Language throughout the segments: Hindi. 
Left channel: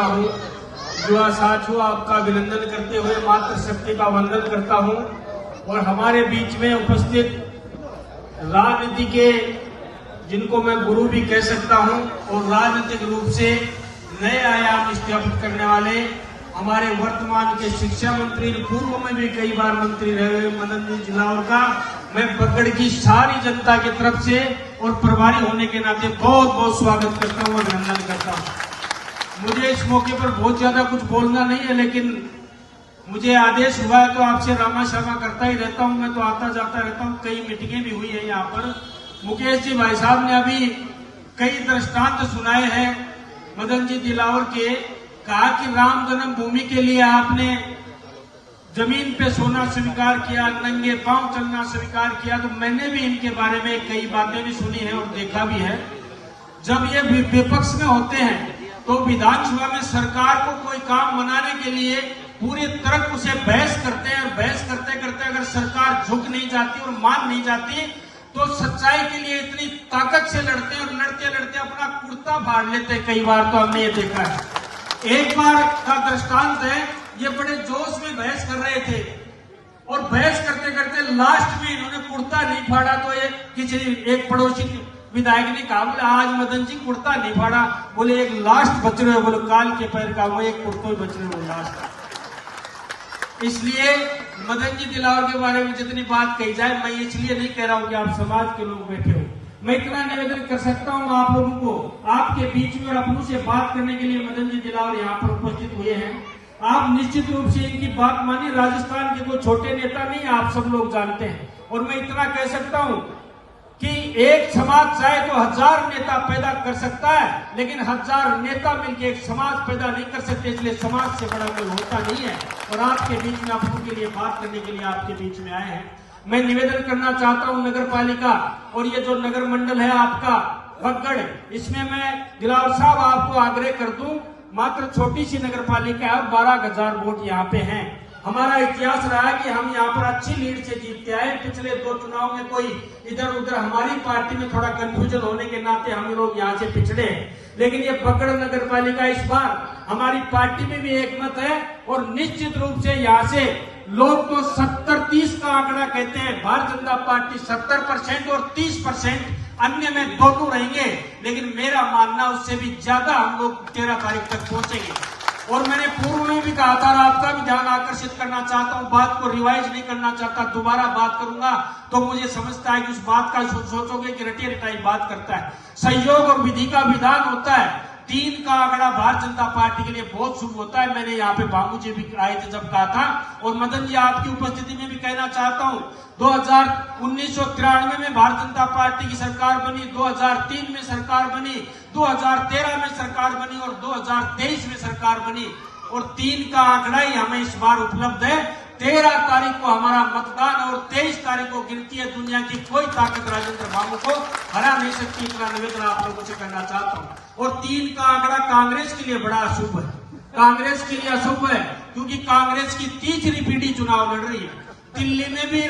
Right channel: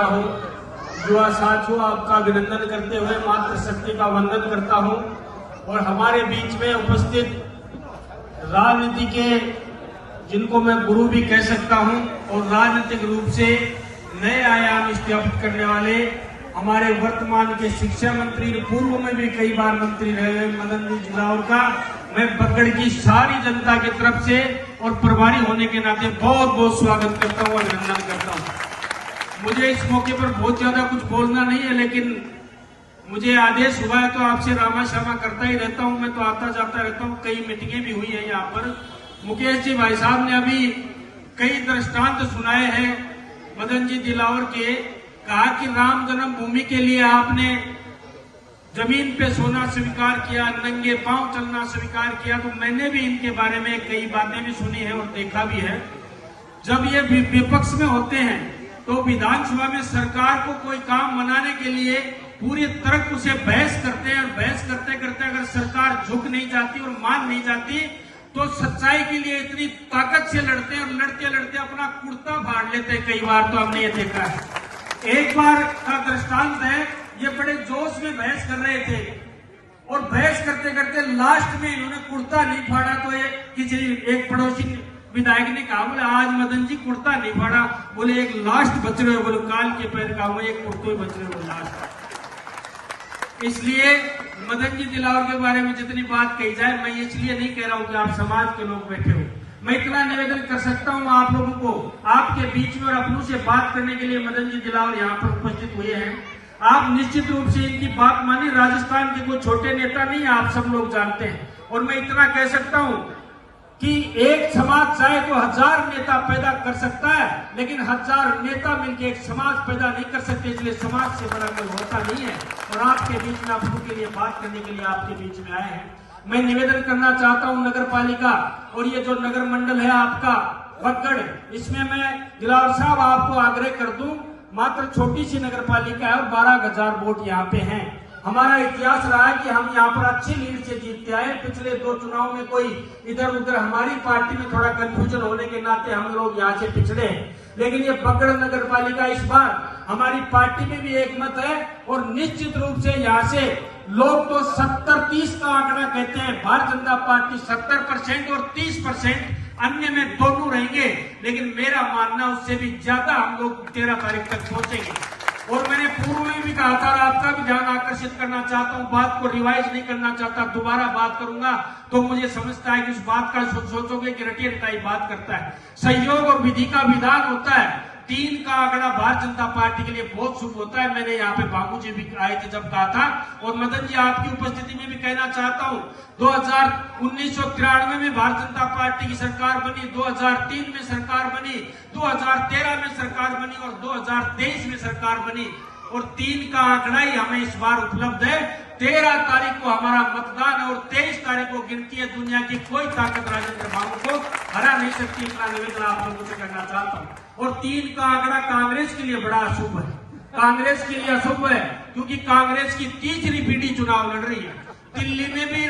करता हूँ। युवा साथियों, आपका अभिनंदन करते हुए मातृशक्ति का वंदन करता हूँ और हमारे बीच में उपस्थित राजनीति के जिनको मैं गुरु भी कह सकता हूँ और राजनीतिक रूप से नए आयाम स्थापित करने वाले हमारे वर्तमान के शिक्षा मंत्री, पूर्व में भी कई बार मंत्री रहे मदन जी दिलावर का मैं बगड़ की सारी जनता की तरफ से और प्रभारी होने के नाते बहुत बहुत स्वागत करता हूँ और अभिनंदन करता हूँ। मुझे इस मौके पर बहुत ज्यादा कुछ बोलना नहीं है, लेकिन मुझे आदेश हुआ है तो आपसे रामा शर्मा करता ही रहता हूँ। मैं तो आता जाता रहता हूँ, कई मीटिंगें भी हुई है यहाँ पर। मुकेश जी भाई साहब ने अभी कई दृष्टांत सुनाए हैं मदन जी दिलावर के। कहा कि राम जन्मभूमि के लिए आपने जमीन पे सोना स्वीकार किया, नंगे पांव चलना स्वीकार किया। तो मैंने भी इनके बारे में कई बातें भी सुनी है और देखा भी है। जब ये विपक्ष में होते हैं तो विधानसभा में सरकार को कोई काम बनाने के लिए पूरी तरह उसे बहस करते हैं और बहस करते करते अगर सरकार झुक नहीं जाती और मान नहीं जाती तो सच्चाई के लिए इतनी ताकत से लड़ते हैं और लड़ते लड़ते अपना कुर्ता फाड़ लेते हैं। कई बार तो हमने ये देखा है। एक बार का दृष्टांत है, ये बड़े जोश में बहस कर रहे थे और बहस करते करते लास्ट में इन्होंने कुर्ता नहीं फाड़ा तो किसी एक पड़ोसी विधायक ने कहा, बोले आज मदन जी कुर्ता नहीं फाड़ा, बोले एक लास्ट बच रहे, बोले काल के पैर का एक कुर्ते बच रहे लास्ट। इसलिए मदन जी दिलावर के बारे में जितनी बात कही जाए, मैं इसलिए नहीं कह रहा हूं कि आप समाज के लोग बैठे हो। मैं इतना निवेदन कर सकता हूं आप लोगों को, आपके बीच में और अपनों से बात करने के लिए मदन जी दिलावर यहाँ पर उपस्थित हुए हैं। आप निश्चित रूप से इनकी बात मानिए। राजस्थान के कोई छोटे नेता नहीं, आप सब लोग जानते हैं। और मैं इतना कह सकता हूं कि एक समाज चाहे तो 1000 नेता पैदा कर सकता है, लेकिन 1000 नेता मिलकर एक समाज पैदा नहीं कर सकते। इसलिए समाज से बड़ा कोई होता नहीं है। और आपके बीच में अपनों के लिए बात करने के लिए आपके बीच में आए हैं। मैं निवेदन करना चाहता हूं नगर पालिका और ये जो नगर मंडल है आपका बगड़, इसमें मैं दिलावर साहब आपको आग्रह कर दूं, मात्र छोटी सी नगर पालिका है और 12,000 वोट यहाँ पे हैं। हमारा इतिहास रहा है कि हम यहाँ पर अच्छी लीड से जीतते आए। पिछले 2 चुनाव में कोई इधर उधर हमारी पार्टी में थोड़ा कंफ्यूजन होने के नाते हम लोग यहाँ से पिछड़े हैं, लेकिन ये बगड़ नगर पालिका इस बार हमारी पार्टी में भी एक मत है और निश्चित रूप से यहाँ से लोग तो 70-30 का आंकड़ा कहते हैं। भारतीय जनता पार्टी 70% और 30% अन्य में दोनों रहेंगे, लेकिन मेरा मानना उससे भी ज्यादा हम लोग 13 तारीख तक पहुंचेंगे। और मैंने पूर्व में भी कहा था, आपका भी ध्यान आकर्षित करना चाहता हूं, बात को रिवाइज नहीं करना चाहता। दोबारा बात करूंगा तो मुझे समझता है कि उस बात का सोचोगे कि रटी रटाई बात करता है। सहयोग और विधि का विधान होता है। 3 का आंकड़ा भारतीय जनता पार्टी के लिए बहुत शुभ होता है। मैंने यहाँ पे बाबू जी भी आए थे जब कहा था, और मदन जी आपकी उपस्थिति में भी कहना चाहता हूँ। 1993 में भारतीय जनता पार्टी की सरकार बनी, 2003 में सरकार बनी, 2013 में सरकार बनी और 2023 में सरकार बनी। और 3 का आंकड़ा ही हमें इस बार उपलब्ध है। 13 तारीख को हमारा मतदान है और 23 तारीख को गिनती है। दुनिया की कोई ताकत राजेंद्र बाबू को हरा नहीं सकती। इतना निवेदन आप लोगों से करना चाहता हूँ। और 3 का आंकड़ा कांग्रेस के लिए बड़ा अशुभ है। कांग्रेस के लिए अशुभ है क्योंकि कांग्रेस की तीसरी पीढ़ी चुनाव लड़ रही है। दिल्ली में भी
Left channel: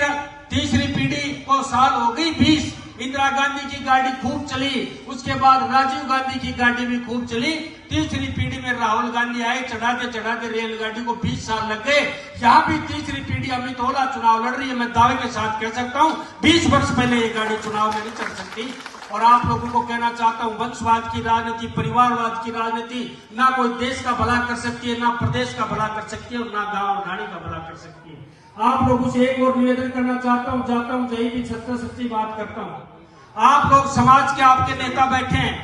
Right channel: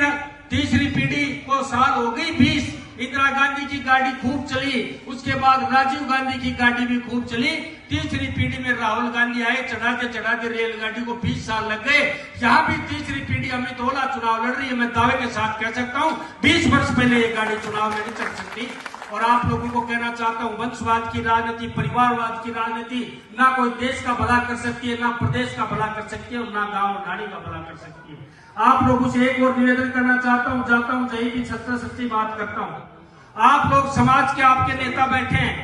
तीसरी पीढ़ी को साल हो गई 20। इंदिरा गांधी की गाड़ी खूब चली, उसके बाद राजीव गांधी की गाड़ी भी खूब चली। तीसरी पीढ़ी में राहुल गांधी आए, चढ़ाते चढ़ाते रेलगाड़ी को 20 साल लग गए। यहाँ भी तीसरी पीढ़ी अमित ओला चुनाव लड़ रही है। मैं दावे के साथ कह सकता हूँ 20 वर्ष पहले ये गाड़ी चुनाव में नहीं चढ़ सकती। और आप लोगों को कहना चाहता हूँ, वंशवाद की राजनीति, परिवारवाद की राजनीति ना कोई देश का भला कर सकती है, ना प्रदेश का भला कर सकती है और ना गांव और गाड़ी का भला कर सकती है। आप लोगों से एक और निवेदन करना चाहता हूँ, जाता हूँ जही भी सच्ची बात करता हूँ। आप लोग समाज के आपके नेता बैठे हैं,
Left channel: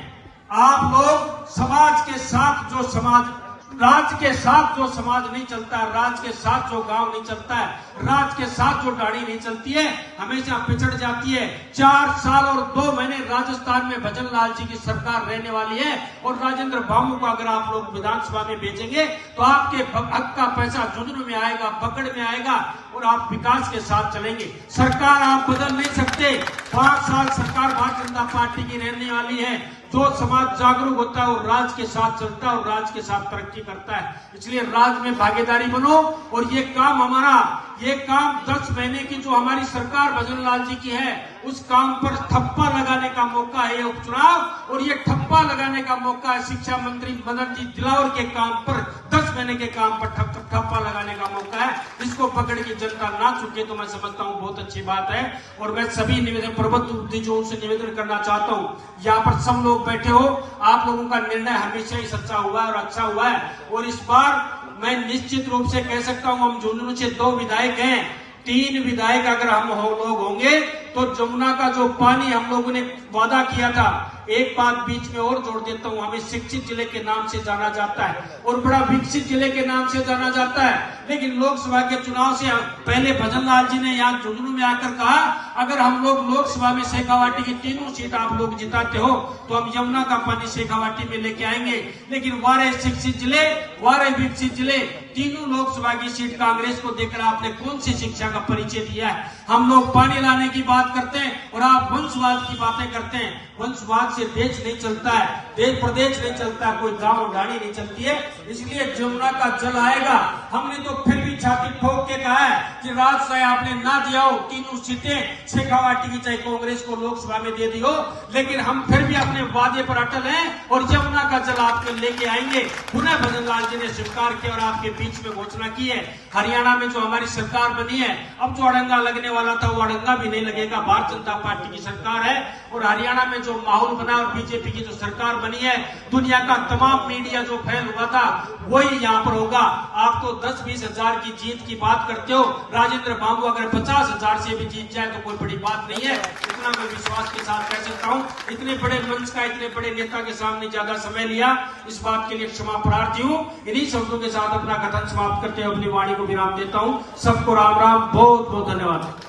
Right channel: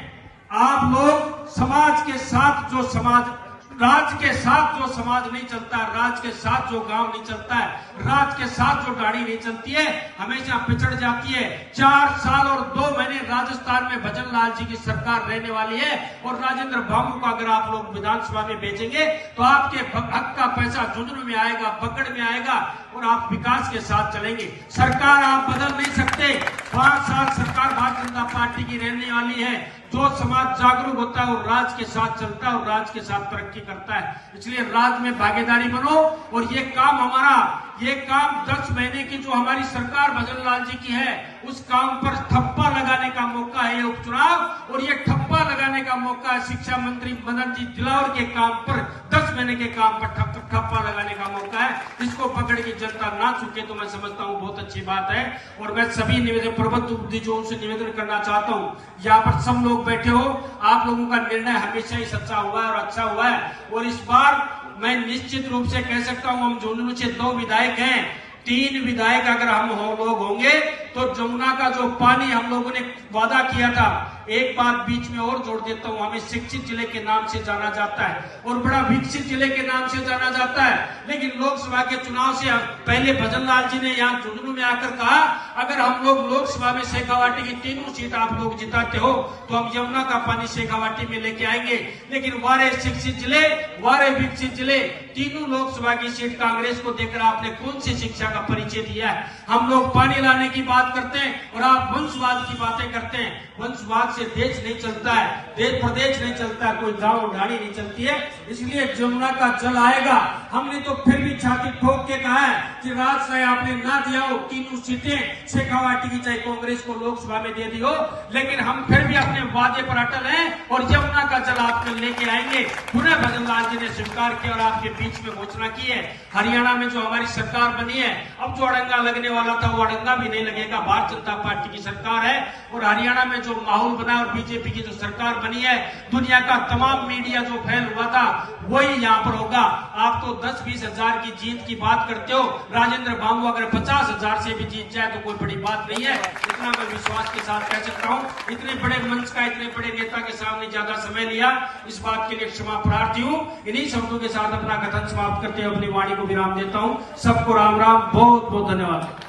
आप लोग समाज के साथ जो समाज, राज्य के साथ जो समाज नहीं चलता है, राज्य के साथ जो गांव नहीं चलता है, राज्य के साथ जो गाड़ी नहीं चलती है, हमेशा पिछड़ जाती है। 4 साल और 2 महीने राजस्थान में भजन लाल जी की सरकार रहने वाली है और राजेंद्र बाबू को अगर आप लोग विधानसभा में भेजेंगे तो आपके हक का पैसा झुंझुनू में आएगा, पकड़ में आएगा और आप विकास के साथ चलेंगे। सरकार आप बदल नहीं सकते। 5 साल सरकार भारतीय जनता पार्टी की रहने वाली है। जो समाज जागरूक होता है वो राज के साथ चलता है और राज के साथ तरक्की करता है। इसलिए राज में भागीदारी बनो और ये काम हमारा, ये काम 10 महीने की जो हमारी सरकार भजन लाल जी की है उस काम पर ठप्पा लगाने का मौका है ये उपचुनाव, और ये ठप्पा लगाने का मौका है शिक्षा मंत्री मदन जी दिलावर के काम पर, 10 महीने के काम पर ठप्पा लगाने का मौका है। इसको पकड़ के जनता ना चुके तो मैं समझता हूँ बहुत अच्छी बात है। और मैं सभी निवेदन प्रबंध जो उनसे निवेदन करना चाहता हूँ, यहाँ पर सब लोग बैठे हो, आप लोगों का निर्णय हमेशा ही सच्चा हुआ है और अच्छा हुआ है। और इस बार मैं निश्चित रूप से कह सकता हूँ हम झुंझुनू से 2 विधायक हैं, 3 विधायक अगर हम लोग होंगे तो जमुना का जो पानी हम लोगों ने वादा किया था, एक बात बीच में और जोड़ देता हूँ, हमें शिक्षित जिले के नाम से जाना जाता है और बड़ा विकसित जिले के नाम से जाना जाता है। लेकिन लोकसभा के चुनाव से पहले भजन लाल जी ने यहाँ झुंझुनू में आकर कहा, अगर हम लोग लोकसभा में शेखावाटी की 3 सीट आप लोग जिताते हो तो हम यमुना का पानी शेखावाटी में लेके आएंगे। लेकिन 12 शिक्षित जिले, 12 विकसित जिले, तीनों लोकसभा की सीट कांग्रेस को देकर आपने कौन सी शिक्षा का परिचय दिया है? हम लोग पानी लाने की बात करते हैं और आप वंशवाद की बातें करते हैं। वंशवाद से देश नहीं चलता है, देश प्रदेश नहीं चलता, कोई गांव गाड़ी नहीं चलती है। इसलिए जमुना का जल आएगा। हमने तो फिर भी छाती ठोक के कहा है कि राजशाही आपने ना दिया हो, 3 सीटें शेखावाटी की चाहे कांग्रेस को लोकसभा में दे दी हो, लेकिन हम फिर भी अपने वादे पर अटल हैं और जमुना का जल आपके लेके आएंगे। पुनः भजन लाल जी ने स्वीकार किया और आपके बीच में घोषणा की है। हरियाणा में जो हमारी सरकार बनी है, अब जो अड़ंगा लगने वाला था वो अड़ंगा भी नहीं लगेगा। भारतीय जनता पार्टी की सरकार है और हरियाणा में जो माहौल बना और बीजेपी की जो सरकार बनी है, दुनिया का तमाम मीडिया जो फैल हुआ था वही यहाँ पर होगा। आप तो 10-20 हजार की जीत की बात करते हो, राजेंद्र बाबू अगर 50 हजार से भी जीत जाए तो कोई बड़ी बात नहीं है। इतना मैं विश्वास के साथ कह सकता हूँ। इतने बड़े मंच का, इतने बड़े नेता के सामने ज्यादा समय लिया, इस बात के लिए क्षमा प्रार्थी हूँ। इन्हीं शब्दों के साथ अपना कथन समाप्त करते हुए अपनी वाणी को विराम देता हूँ। सबको राम राम, बहुत बहुत धन्यवाद।